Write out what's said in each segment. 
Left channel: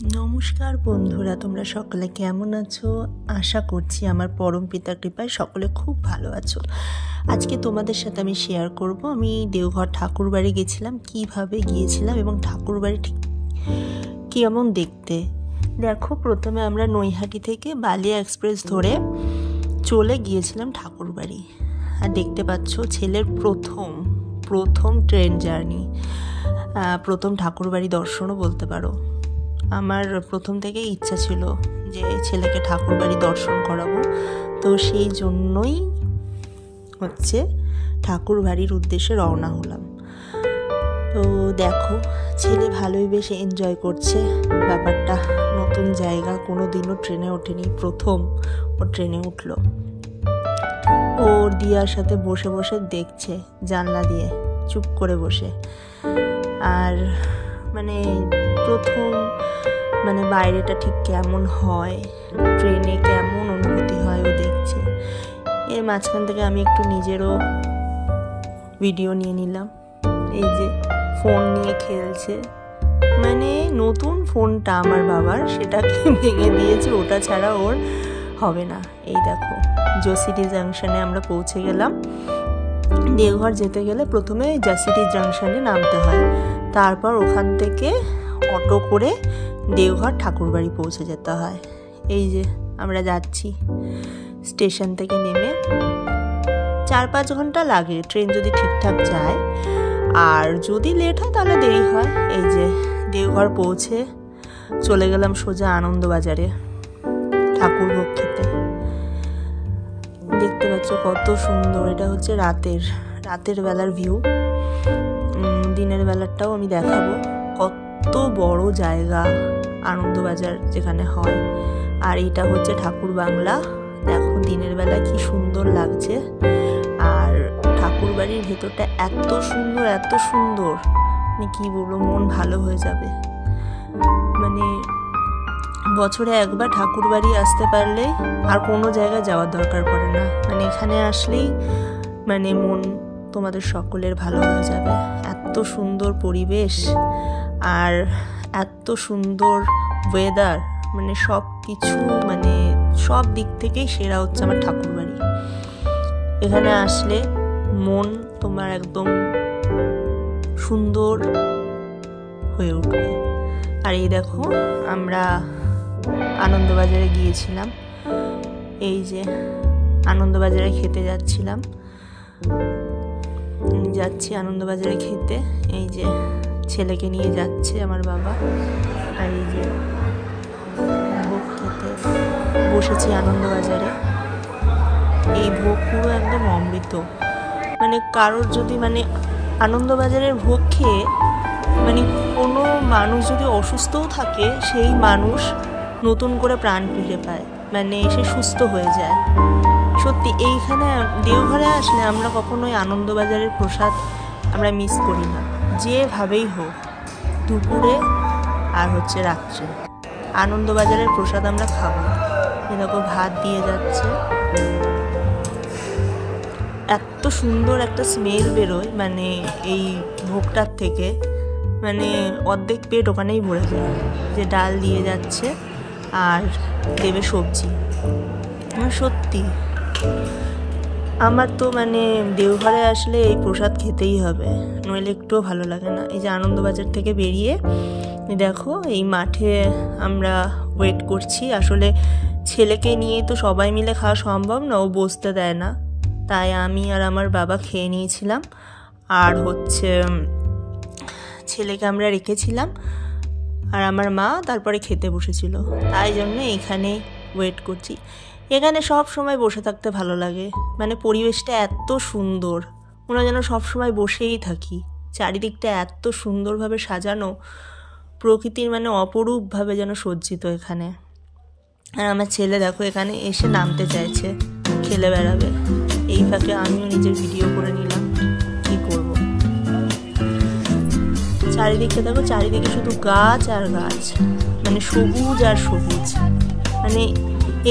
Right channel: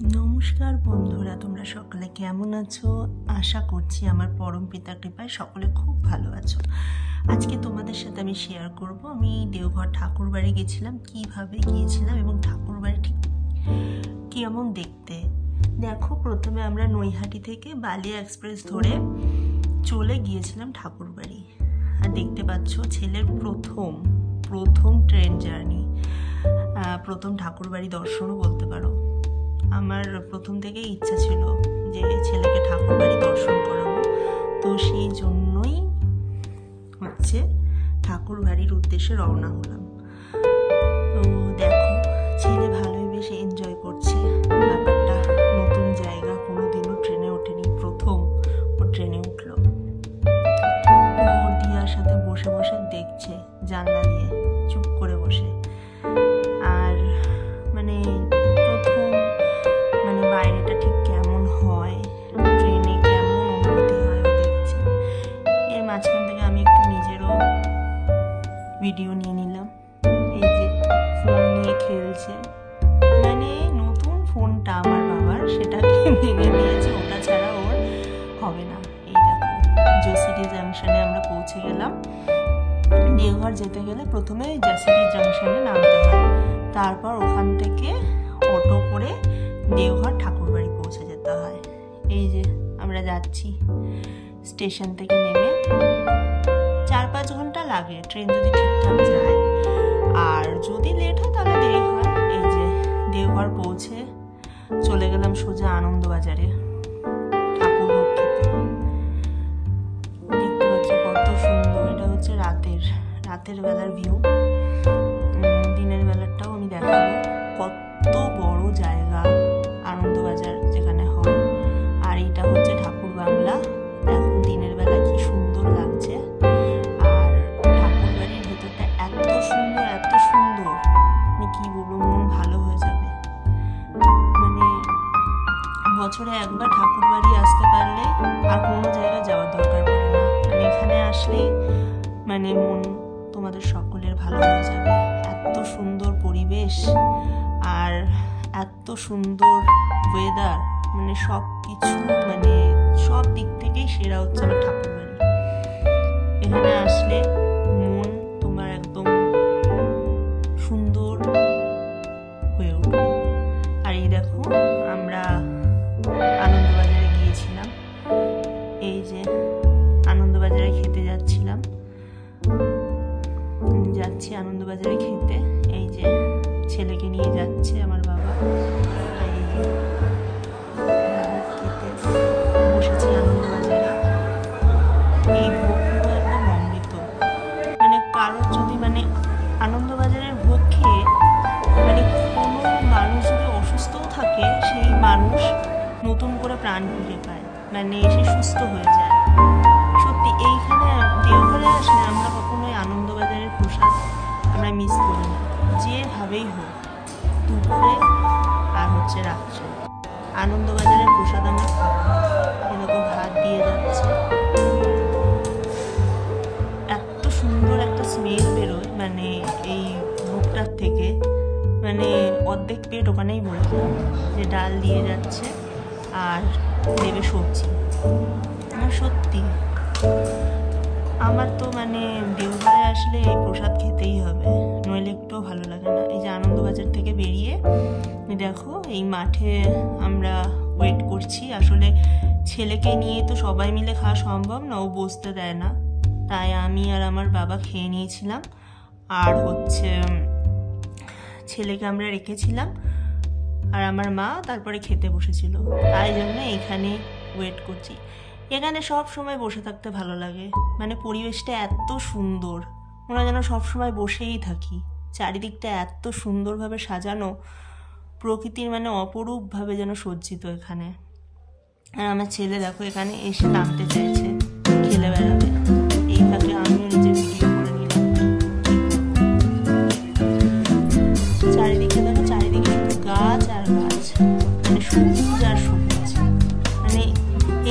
নমস্কার বন্ধুরা, তোমরা সকলে কেমন আছো? আশা করছি আমার পরম পিতার কৃপায় সকলে খুব ভালো আছো। আজকে তোমাদের সাথে আমি শেয়ার করব আমি দেওঘর ঠাকুরবাড়ি গেছিলাম, কিভাবে গিয়েছিলাম এবং ঠাকুরবাড়ি ঠিক কেমন দেখতে। দেখো, প্রথমে আমরা নৈহাটি থেকে বালিয়া এক্সপ্রেস ধরে চলে গিয়েছিলাম ঠাকুরবাড়ি। আর দেখতে পাচ্ছ ছেলের প্রথম ট্রেন জার্নি, প্রথম ঠাকুরবাড়ি দর্শনও বলতে পারো। আমার প্রথম থেকেই ইচ্ছা ছিল যে ছেলেকে ঠাকুরবাড়ি দর্শন করাবো, তো সেই জন্যই ঠাকুরবাড়ির উদ্দেশ্যে রওনা হলাম। তো দেখো, ছেলে ভালোই বেশ এনজয় করছে ব্যাপারটা। নতুন জায়গা, কোনো দিনও ট্রেনে ওঠেনি, প্রথম ও ট্রেনে উঠলো। ও দিয়ার সাথে বসে বসে দেখছে জানলা দিয়ে, চুপ করে বসে। আর প্রথম বাইরেটা ঠিক কেমন হয়, ট্রেনে কেমন অনুভূতি হয় ও দেখছে। এর মাঝখান থেকে আমি একটু নিজেরও ভিডিও নিয়ে নিলাম। এই যে ফোন নিয়ে খেলছে, নতুন ফোনটা আমার বাবার, সেটাকে ভেঙে দিয়েছে, ওটা ছাড়া ওর হবে না। এই দেখো, জসিডি জাংশনে আমরা পৌঁছে গেলাম। দেওঘর যেতে গেলে প্রথমে জসিডি জাংশনে নামতে হয়, তারপর ওখান থেকে অটো করে দেওঘর ঠাকুরবাড়ি পৌঁছে যেতে হয়। এই যে আমরা যাচ্ছি, স্টেশন থেকে নেমে 4-5 ঘন্টা লাগে ট্রেন যদি ঠিকঠাক যায়, আর যদি লেট হয় তাহলে দেরি হয়। এই যে দেওঘর পৌঁছে চলে গেলাম সোজা আনন্দবাজারে ঠাকুর ভোগ খেতে। দেখতে পাচ্ছ কত সুন্দর, এটা হচ্ছে রাতের বেলার ভিউ। দিনের বেলাটাও আমি দেখাবো। কত বড় জায়গা আনন্দবাজার যেখানে হয়, আর এটা হচ্ছে ঠাকুর বাংলা। দেখো দিনের বেলা কি সুন্দর লাগছে, আর ঠাকুর বাড়ির ভেতরটা এত সুন্দর, কি বলবো, মন ভালো হয়ে যাবে। বছরে একবার ঠাকুর বাড়ি আসতে পারলে আর কোনো জায়গায় যাওয়ার দরকার পড়ে না। এখানে আসলেই মন তোমাদের সকলের ভালো হয়ে যাবে। এত সুন্দর পরিবেশ আর এত সুন্দর ওয়েদার, সব কিছু সব দিক থেকেই সেরা হচ্ছে আমার ঠাকুরবাড়ি। এখানে আসলে মন তোমার একদম সুন্দর হয়ে উঠবে। আর এই দেখো, আমরা আনন্দবাজারে গিয়েছিলাম। এই যে আনন্দবাজারে খেতে যাচ্ছি আনন্দবাজারে খেতে। এই যে ছেলেকে নিয়ে যাচ্ছে আমার বাবা। আর এই যে ভোগ খেতে বসেছি আনন্দবাজারে। এই ভোগ পুরো একদম অমৃত। কারোর যদি আনন্দবাজারের ভোগ খেয়ে কোনো মানুষ যদি অসুস্থও থাকে, সেই মানুষ নতুন করে প্রাণ ফিরে পায়, সে সুস্থ হয়ে যায়। সত্যি এইখানে দেওঘরে আসলে আমরা কখনোই আনন্দবাজারের প্রসাদ আমরা মিস করি না। যেভাবেই হোক, দুপুরে আর রাত্রে আনন্দবাজারের প্রসাদ আমরা খাবো। এরকম ভাত দিয়ে যাচ্ছে, এত সুন্দর একটা স্মেল বেরোয় এই ভোগটার থেকে, অর্ধেক পেট ওখানেই ভরে যায়। যে ডাল দিয়ে যাচ্ছে আর দেবে সবজি। সত্যি আমার তো দেওঘরে আসলে এই প্রসাদ খেতেই হবে, নইলে একটুও ভালো লাগে না। এই যে আনন্দবাজার থেকে বেরিয়ে দেখো, এই মাঠে আমরা ওয়েট করছি। আসলে ছেলেকে নিয়ে তো সবাই মিলে খাওয়া সম্ভব না, ও বসতে দেয় না, তাই আমি আর আমার বাবা খেয়ে নিয়েছিলাম। আর ছেলেকে আমরা রেখেছিলাম, আর আমার মা তারপরে খেতে বসেছিল, তাই জন্য এখানে ওয়েট করছি। এখানে সব সময় বসে থাকতে ভালো লাগে, পরিবেশটা এত সুন্দর, মনে যেন সব সময় বসেই থাকি। চারিদিকটা এত সুন্দরভাবে সাজানো, প্রকৃতির অপরূপভাবে যেন সজ্জিত এখানে। আর আমার ছেলে দেখো এখানে এসে নামতে চাইছে, খেলে বেড়াবে। এই ফাঁকে আমিও নিজের ভিডিও করে নিলাম। কি করবো, চারিদিকে দেখো, চারিদিকে শুধু গাছ আর গাছ, সবুজ আর সবুজ।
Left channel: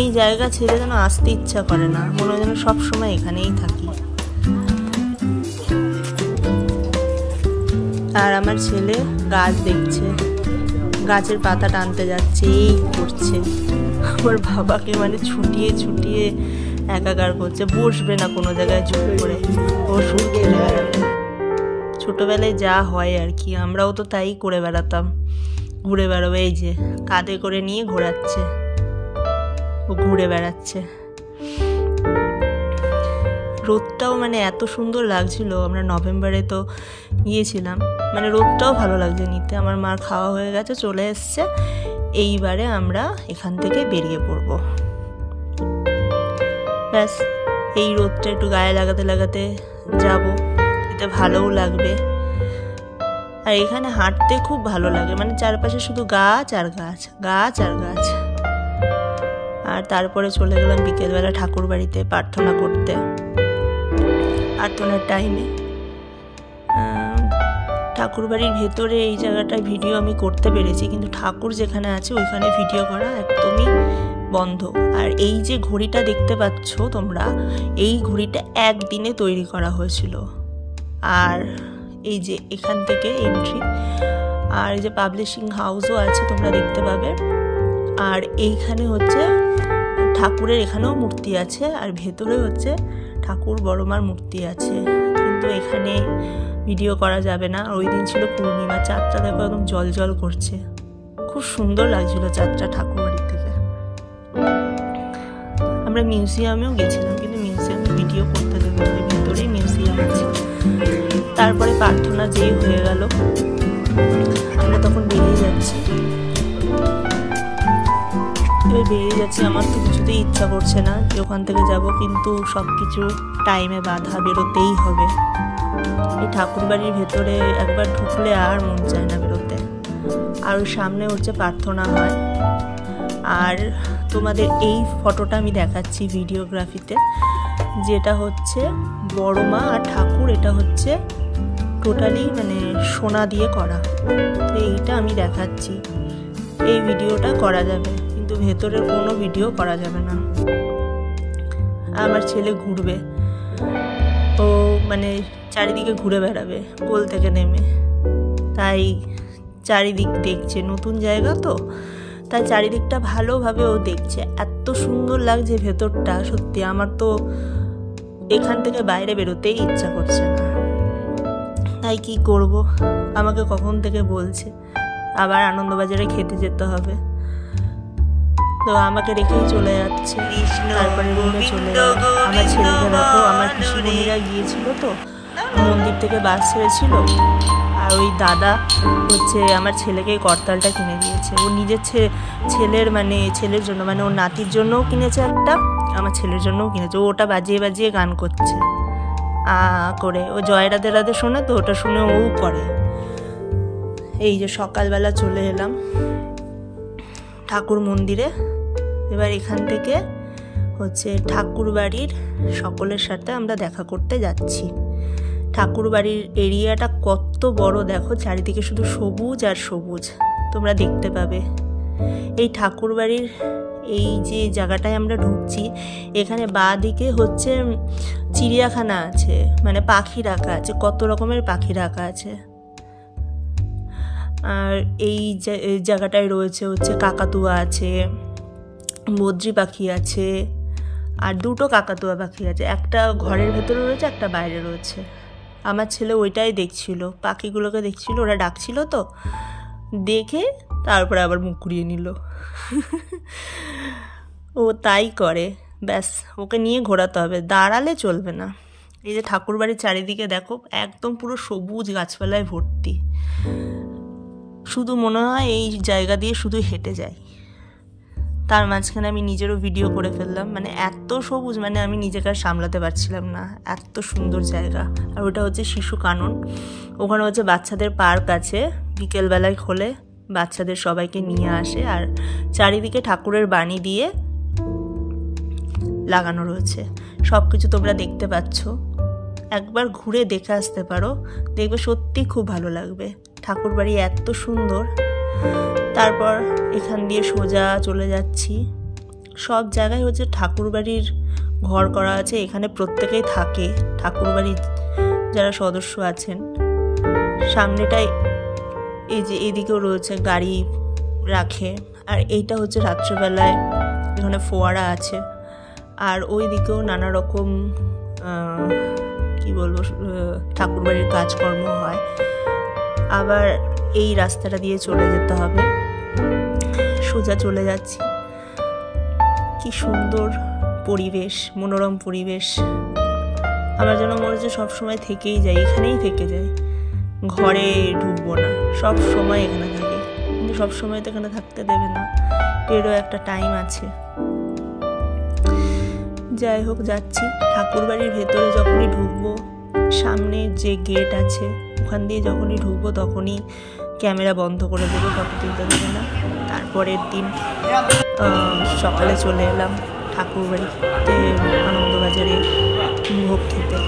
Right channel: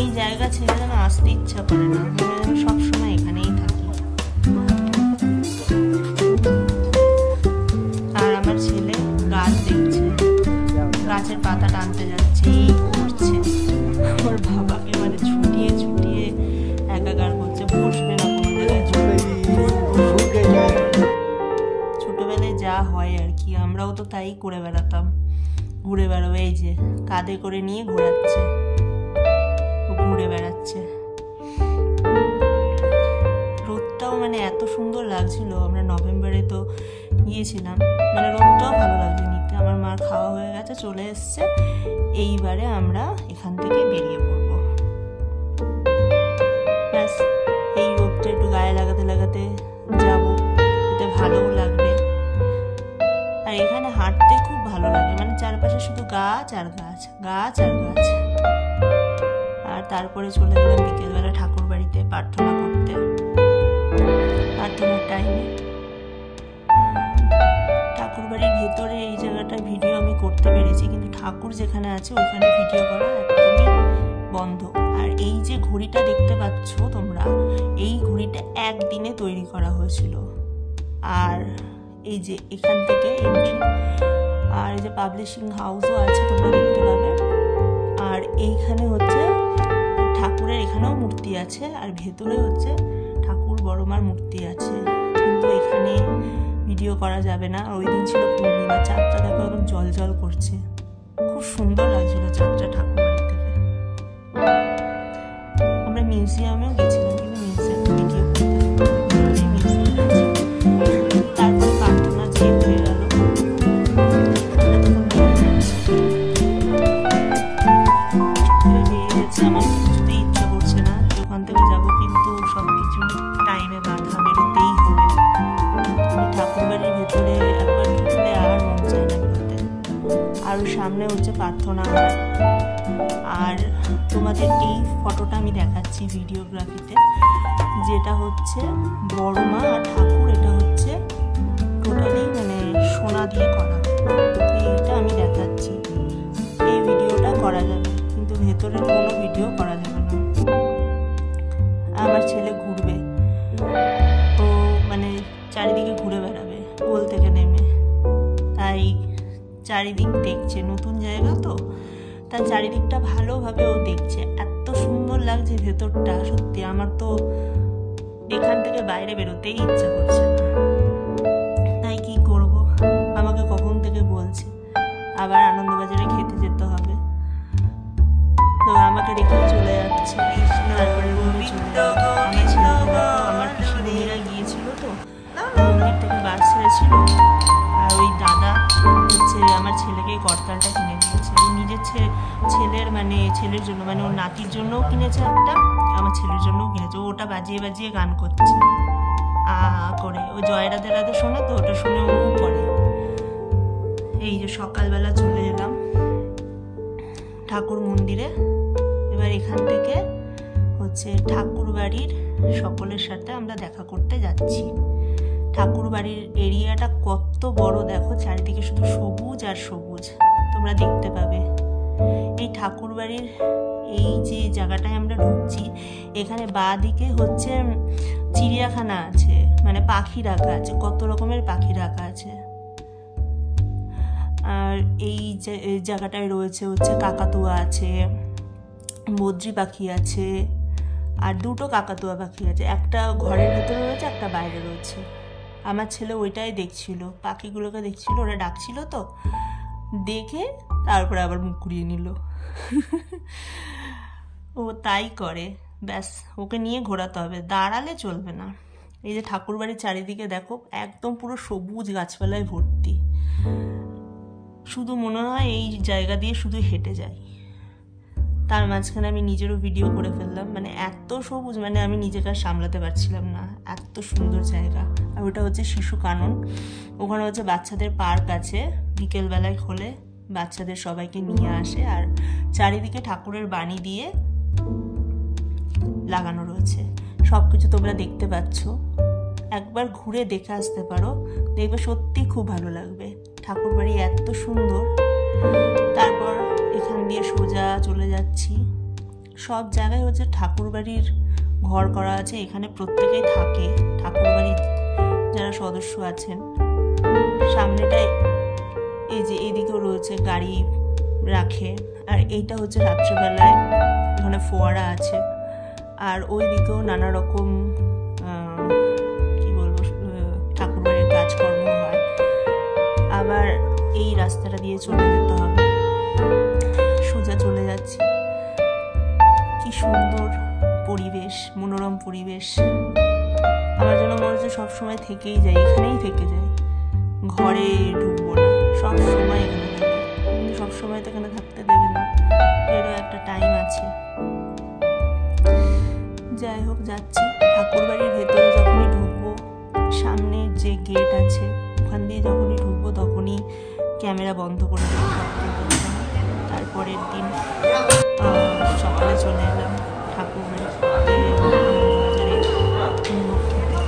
এই জায়গা ছেড়ে যেন আসতে ইচ্ছা করে না, মনে যেন সবসময় এখানেই থাকি। আর আমার ছেলে গাছ দেখছে, গাছের পাতা টানতে যাচ্ছে, এই করছে। আমার বাবাকে মানে ছুটিয়ে ছুটিয়ে একাকার করছে, বসবে না কোনো জায়গায় চুপ করে, ও শুনতে যায়। ছোটবেলায় যা হয় আর কি, আমরাও তো তাই করে বেড়াতাম, ঘুরে বেড়াবে। এই যে কাঁধে করে নিয়ে ঘোরাচ্ছে, ও ঘুরে বেড়াচ্ছে। রোদটাও মানে এত সুন্দর লাগছিল, আমরা নভেম্বরে তো গিয়েছিলাম, মানে রোদটাও ভালো লাগছে নিতে। আমার মার খাওয়া হয়ে গেছে, চলে এসছে, এইবারে আমরা এখান থেকে বেরিয়ে পড়বো। ব্যাস, এই রোদটা একটু গায়ে লাগাতে লাগাতে যাব, এতে ভালোও লাগবে। আর এখানে হাঁটতে খুব ভালো লাগে, মানে চারপাশে শুধু গাছ আর গাছ, গাছ আর গাছ। আর তারপরে চলে গেলাম বিকেলবেলা ঠাকুর বাড়িতে প্রার্থনা করতে। প্রার্থনার টাইমে ঠাকুর বাড়ির ভেতরে এই জায়গাটায় ভিডিও আমি করতে পেরেছি, কিন্তু ঠাকুর যেখানে আছে ওইখানে ভিডিও করা একদমই বন্ধ। আর এই যে ঘড়িটা দেখতে পাচ্ছ তোমরা, এই ঘড়িটা একদিনে তৈরি করা হয়েছিল। আর এই যে এখান থেকে এন্ট্রি, আর এই যে পাবলিশিং হাউসও আছে, তোমরা দেখতে পাবে। আর এইখানে হচ্ছে ঠাকুরের এখানেও মূর্তি আছে, আর ভেতরে হচ্ছে ঠাকুর বড়মার মূর্তি আছে, কিন্তু এখানে ভিডিও করা যাবে না। ওই দিন ছিল পূর্ণিমা, চাঁদটা দেখো একদম জল জল করছে, খুব সুন্দর লাগছিল চাঁদটা ঠাকুর বাড়ি থেকে। আমরা মিউজিয়ামেও গেছিলাম, কিন্তু মিউজিয়ামে ভিডিও করতে দেবো, ভিতরে মিউজিয়াম আছে। তারপরে প্রার্থনা যেই হয়ে গেল, আমরা তখন বেরিয়ে যাচ্ছি। আমার তো কিছুতেই ইচ্ছা করছে না যে ওখান থেকে যাব, কিন্তু সবকিছু টাইমে বাধা, বেরোতেই হবে। এই ঠাকুর বাড়ির ভেতরে একবার ঢুকলে আর মন চায় না বেরোতে। আর ওই সামনে হচ্ছে প্রার্থনা হয়। আর তোমাদের এই ফটোটা আমি দেখাচ্ছি ভিডিওগ্রাফিতে, যেটা হচ্ছে বড় মা আর ঠাকুর, এটা হচ্ছে টোটালি মানে সোনা দিয়ে করা। তো এইটা আমি দেখাচ্ছি, এই ভিডিওটা করা যাবে, কিন্তু ভেতরের কোনো ভিডিও করা যাবে না। আমার ছেলে ঘুরবে, ও মানে চারিদিকে ঘুরে বেড়াবে কোল থেকে নেমে, তাই চারিদিক দেখছে, নতুন জায়গা তো, তাই চারিদিকটা ভালোভাবে ও দেখছে। এত সুন্দর লাগছে ভেতরটা, সত্যি আমার তো এখান থেকে বাইরে বেরোতেই ইচ্ছা করছে না। তাই কি করব, আমাকে কখন থেকে বলছে আবার আনন্দবাজারে খেতে যেতে হবে, তো আমাকে রেখেই চলে যাচ্ছে। তারপরে রুমে চলে গেল। আমার ছেলেকে দেখো, আমার পিসি বোনেরা গিয়েছিল তো, মন্দির থেকে বাস ছেড়েছিল, আর ওই দাদা হচ্ছে আমার ছেলেকে করতালটা কিনে দিয়েছে। ও নিজের ছেলের জন্য, মানে ওর নাতির জন্যও কিনেছে একটা, আমার ছেলের জন্যও কিনেছে। ও ওটা বাজিয়ে বাজিয়ে গান করছে করে, ও জয় রাধে রাধে শোনে তো, ওটা শুনে ও করে। এই যে সকালবেলা চলে এলাম ঠাকুর মন্দিরে। এবার এখান থেকে হচ্ছে ঠাকুর বাড়ির সকলের সাথে আমরা দেখা করতে যাচ্ছি। ঠাকুর বাড়ির এরিয়াটা কত বড় দেখো, চারিদিকে শুধু সবুজ আর সবুজ, তোমরা দেখতে পাবে। এই ঠাকুর বাড়ির এই যে জায়গাটায় আমরা ঢুকছি, এখানে বাঁ দিকে হচ্ছে চিড়িয়াখানা আছে, মানে পাখি রাখা আছে, কত রকমের পাখি রাখা আছে। আর এই জায়গাটায় রয়েছে হচ্ছে কাকাতুয়া আছে, বদ্রি পাখি আছে, আর দুটো কাকাতুয়া পাখি আছে, একটা ঘরের ভেতরে রয়েছে, একটা বাইরে রয়েছে। আমার ছেলে ওইটাই দেখছিল, পাখিগুলোকে দেখছিল, ওরা ডাকছিল তো, দেখে তারপরে আবার মুখ ঘুরিয়ে নিল। ও তাই করে, ব্যাস ওকে নিয়ে ঘোরাতে হবে, দাঁড়ালে চলবে না। এই যে ঠাকুর বাড়ির চারিদিকে দেখো, একদম পুরো সবুজ গাছপালায় ভর্তি, শুধু মনে হয় এই জায়গা দিয়ে শুধু হেঁটে যাই। তার মাঝখানে আমি নিজেরও ভিডিও করে ফেললাম, মানে এত সবুজ, মানে আমি নিজেকে আর সামলাতে পারছিলাম না, এত সুন্দর জায়গা। আর ওটা হচ্ছে শিশু কানন, ওখানে হচ্ছে বাচ্চাদের পার্ক আছে, বিকেলবেলায় খোলে, বাচ্চাদের সবাইকে নিয়ে আসে। আর চারিদিকে ঠাকুরের বাণী দিয়ে লাগানো রয়েছে, সব কিছু তোমরা দেখতে পাচ্ছ। একবার ঘুরে দেখে আসতে পারো, দেখবে সত্যি খুব ভালো লাগবে। ঠাকুর বাড়ি এত সুন্দর। তারপর এখান দিয়ে সোজা চলে যাচ্ছি, সব জায়গায় হচ্ছে ঠাকুর বাড়ির ঘর করা আছে, এখানে প্রত্যেকেই থাকে ঠাকুর বাড়ির যারা সদস্য আছেন। সামনেটায় এই যে এদিকেও রয়েছে গাড়ি রাখে। আর এইটা হচ্ছে রাত্রেবেলায় এখানে ফোয়ারা আছে, আর ওই দিকেও নানা রকম কি বলবো ঠাকুরবাড়ির কাজকর্ম হয়। আবার এই রাস্তাটা দিয়ে চলে যেতে হবে, সোজা চলে যাচ্ছি। কি সুন্দর পরিবেশ, মনোরম পরিবেশ। আমার যেন মনে হচ্ছে সবসময় থেকেই যাই, এখানেই থেকে যাই, ঘরে ঢুকবো না, সব সময় এখানে থাকি। কিন্তু সবসময় তো এখানে থাকতে দেবে না, এরও একটা টাইম আছে। যাই হোক, যাচ্ছি। ঠাকুরবাড়ির ভেতরে যখনই ঢুকবো, সামনে যে গেট আছে ওখান দিয়ে যখনই ঢুকবো তখনই ক্যামেরা বন্ধ করে দেবো, ফটো তুলতে দেবে না। তারপরের দিন সকালে চলে এলাম ঠাকুরবাড়িতে আনন্দবাজারে ভোগ খেতে।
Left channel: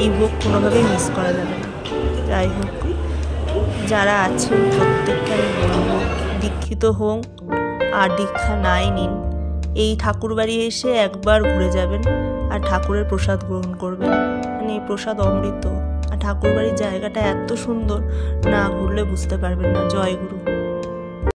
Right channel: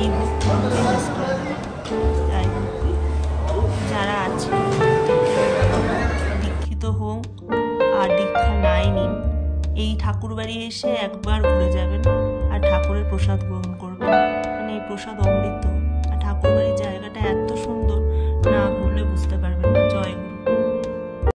এই ভোগ কোনোভাবেই মিস করা যাবে না। যাই হোক, যারা আছেন প্রত্যেকটা বলবো, দীক্ষিত হোক আর দীক্ষা নাই নিন, এই ঠাকুরবাড়ি এসে একবার ঘুরে যাবেন আর ঠাকুরের প্রসাদ গ্রহণ করবেন। মানে এই প্রসাদ অমৃত। আর ঠাকুরবাড়ির জায়গাটা এত সুন্দর, না ঘুরলে বুঝতে পারবেন না। জয় গুরু।